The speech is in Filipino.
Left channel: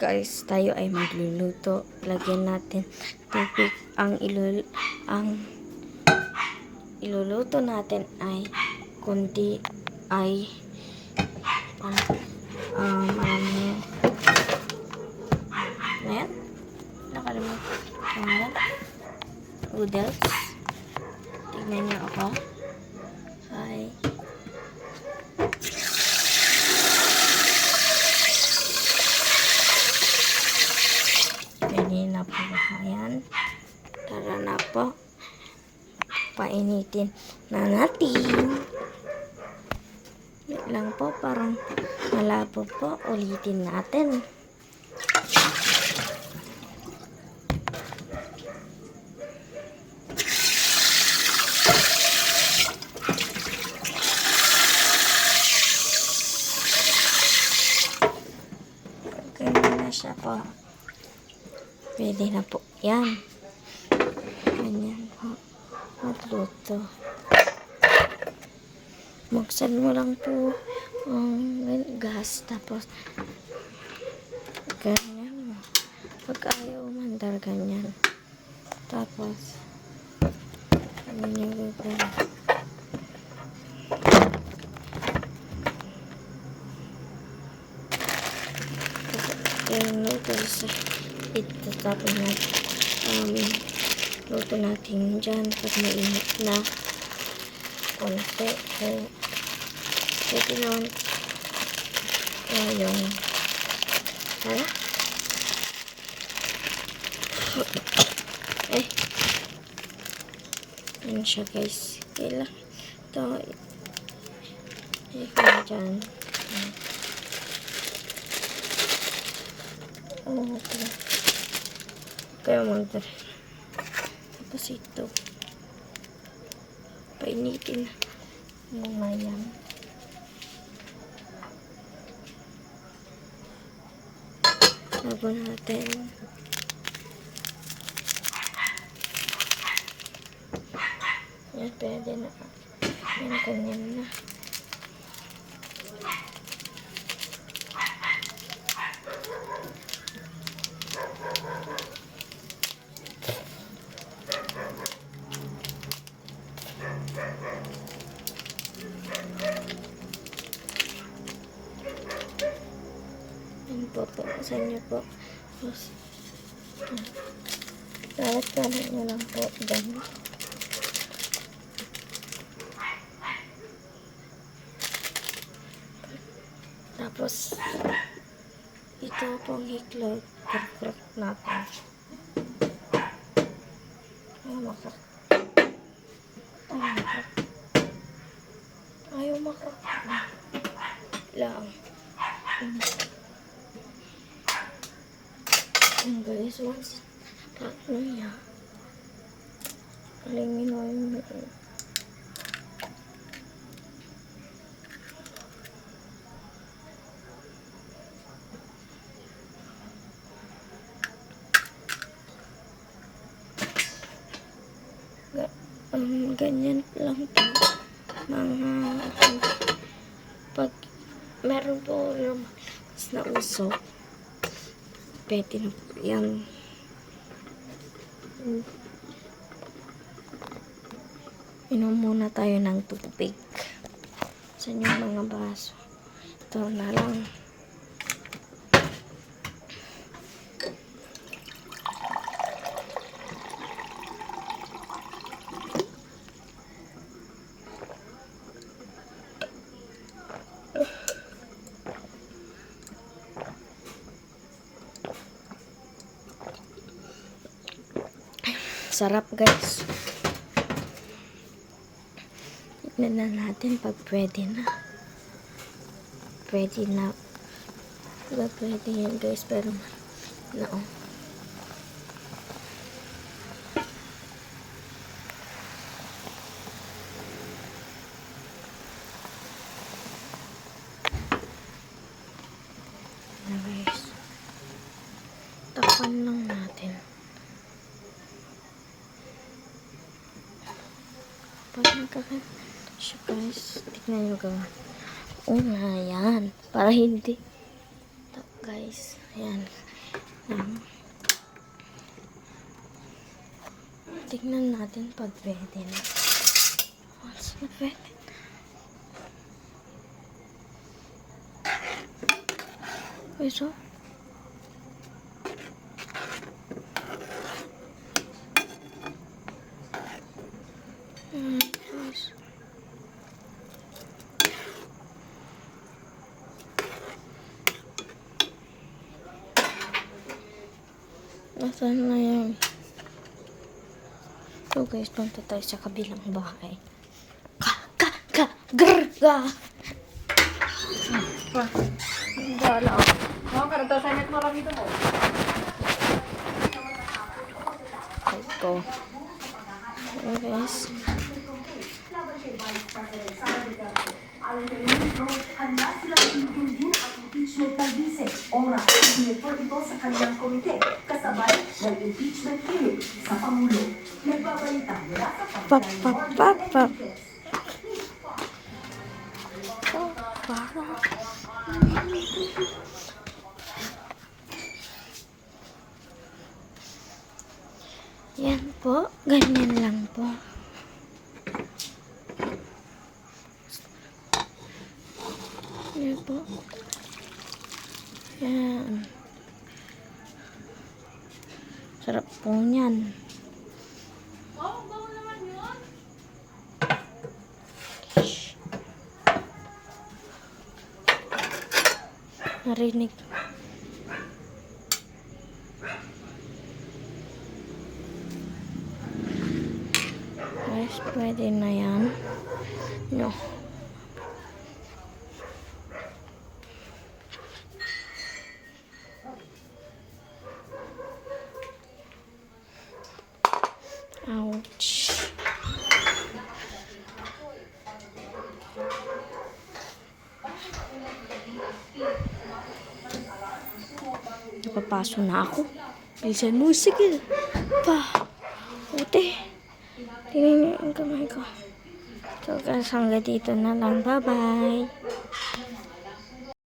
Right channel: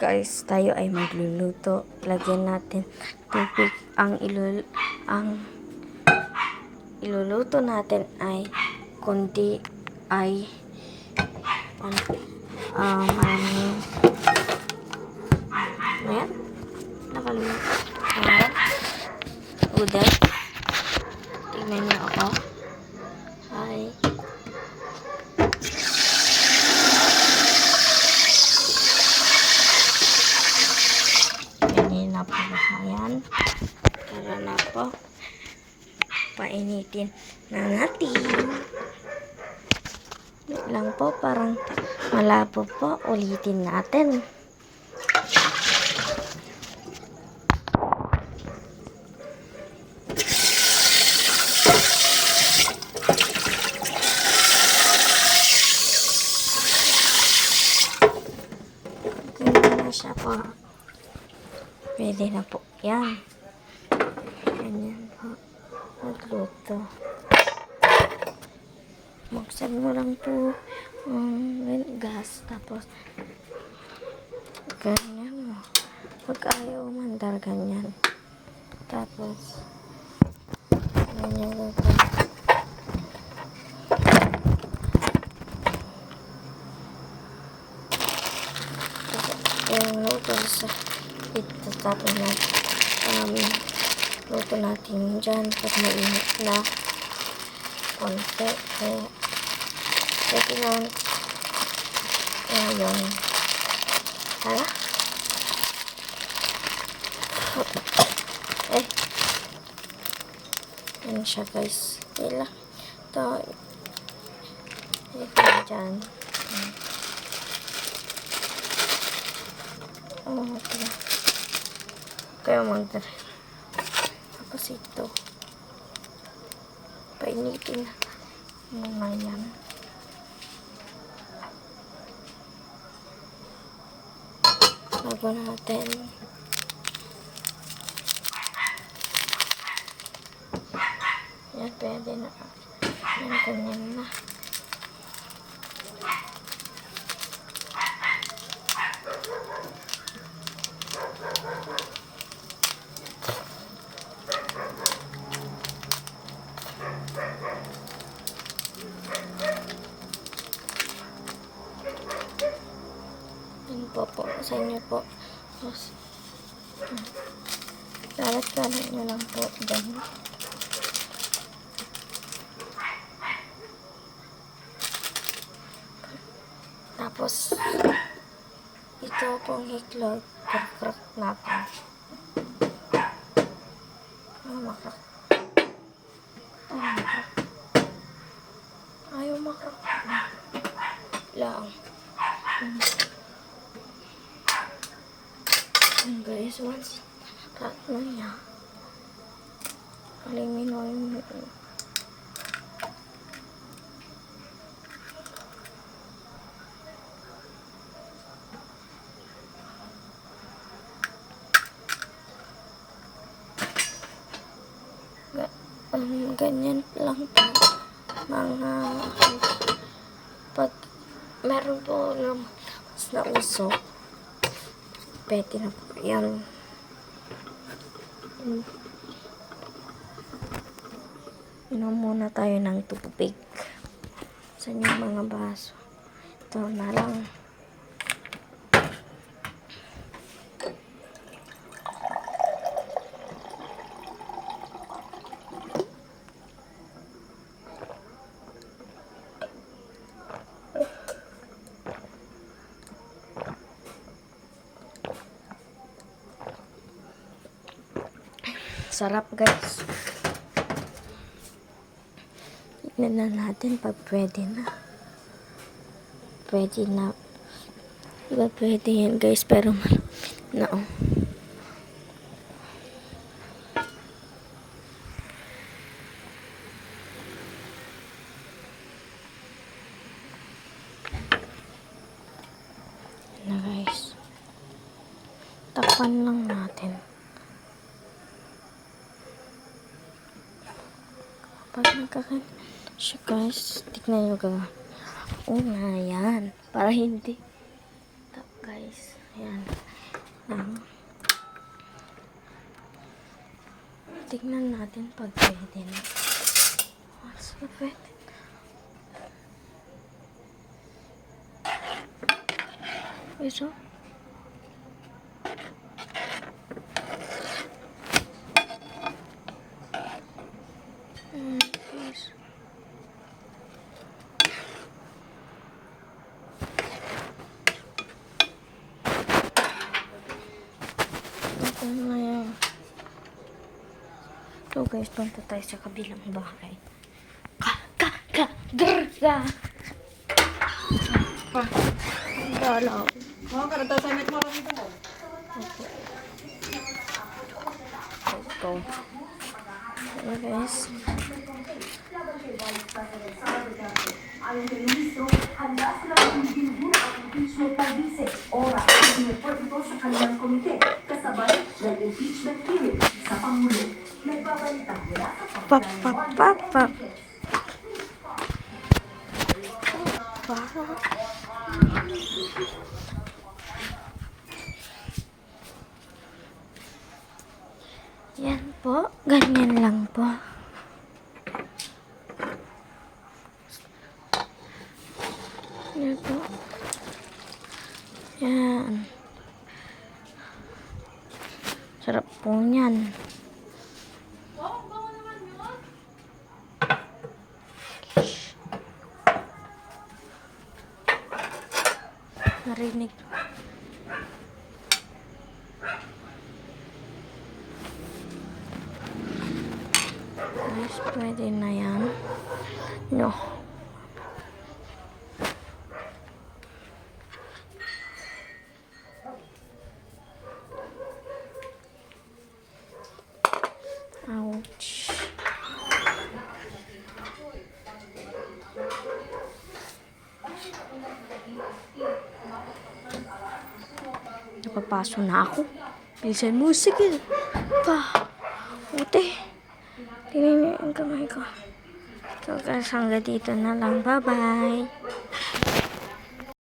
Guys, tayo ay magluluto. Lagyan natin tubig. Ang iluluto natin ay kundi ay marami. Ayan. Nakalimutan. Ayan. Uday. Tignan niyo ako. Hi. Ganyan na po. Ayan. Tara na po. Painitin na natin. Wait lang po. Parang malabo po. Ulitin natin. Ganyan na siya po. Pwede na po. Yan. Ganyan po. Magluto. Buksan mo lang po ang gas. Tapos, ganyan mo. Pag ayaw umandar, ganyan. Tapos, ganyan ko. Yung noodles, ito tapos na luto natin dyan pag mainit na konti. So, pwede lang yung tara. Yan siya guys. Kailan ito dyan. Okay. Kaya magdar. Tapos ito. Painitin na yan. Laban natin. Yan, pwede na. Yan, ganyan na. Yan po. Saan niyo po? Yes. Kalat-kalat nyo lang po. Dyan. Tapos, ito pong hiklog. Crack natin. Makrak. Ayaw makrak. Lang. Guys, once crack na niya. Halingin mo yung ganyan lang po mga pag meron po lumalabas na usok, pwede na po yan. Inom muna tayo ng tubig. Saan yung mga baso? Ito na lang. Sarap guys. Tignan na natin pag pwede na. Pwede na. Diba pwede yan guys, pero no. Guys. Takpan lang natin. Pag nagkakan siya guys, tignan nyo gawin. Oo nga yan. Para hindi. Guys, ayan. Tignan natin pag pwede na. What's the pwede? Iso? Yes. Okay na yan. So guys, punta tayo sa kabilang bahay. Gala. Let's go. So guys. Ayon kay Ministro, handa silang hindin ang impeachment ng Vice. Ora, sinipot ito sa kanilang komite, kasabay ng impeachment hearing sa Pangulo. Nagbabalita mula sa Pap. Yan po, ganyan lang po. Yan po. Yan. Sarap po niyan. Narinig. Yes, pwede na yan. No. Ouch. Napapaso na ako. Bilisan mo, sige. Ute. Tingnan niyo yung kamay ko. So guys, hanggang dito na lang. Bye-bye.